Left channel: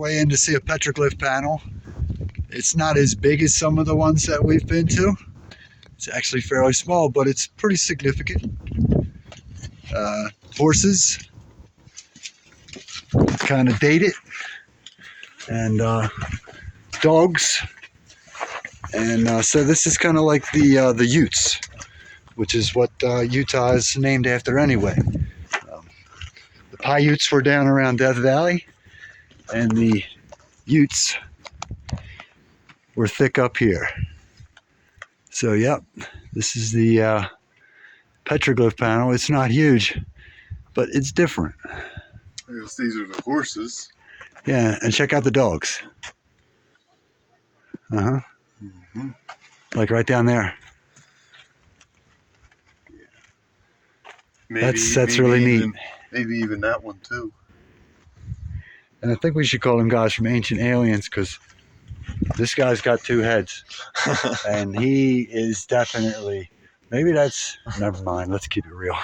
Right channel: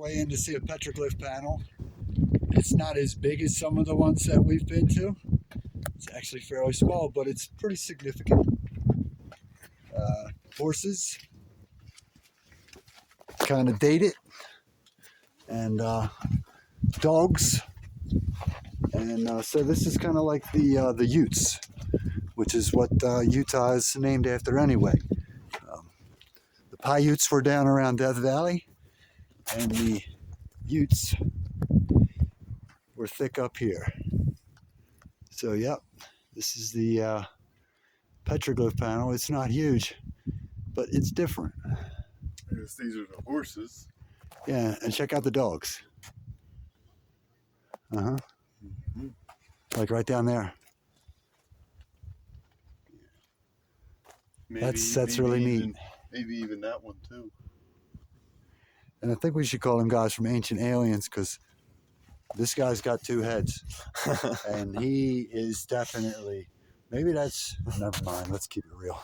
way in to see a petroglyph panel. It's not as big as some of the ones that we've been to. It's actually fairly small, but it's pretty significant. Horses, kind of dated, and dogs. And so this is kind of like the Utes, which is what Utah is named after anyway. The Paiutes were down around Death Valley, and the Utes were thick up here. So yep, this is the petroglyph panel. It's not huge, but it's different. Because these are the horses. Yeah, and check out the dogs. Uh-huh. Mm-hmm. Like right down there. Maybe, That's really neat. Maybe even that one too. And I think we should call them guys from Ancient Aliens, because this guy's got two heads. And he is definitely, maybe that's, never mind, let's keep it real.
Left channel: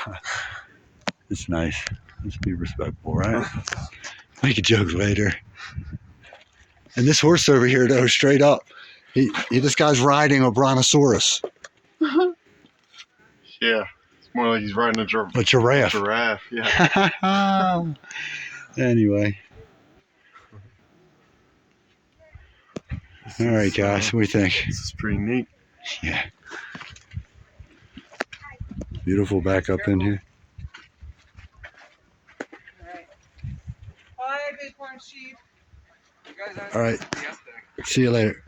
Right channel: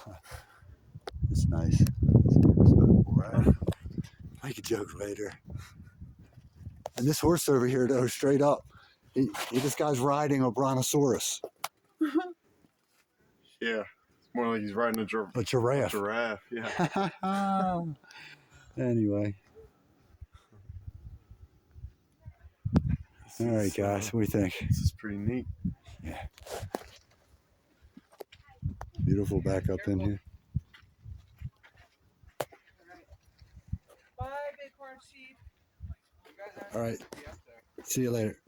It's nice. Let's be respectful, right? Make a joke later. And this horse over here, though, straight up, this guy's riding a brontosaurus. Yeah, it's more like he's riding a giraffe. Giraffe, yeah. Anyway. All right, guys, what do you think? This is pretty neat. Yeah. Beautiful back up in here. Bye, Bighorn sheep. All right. See you later.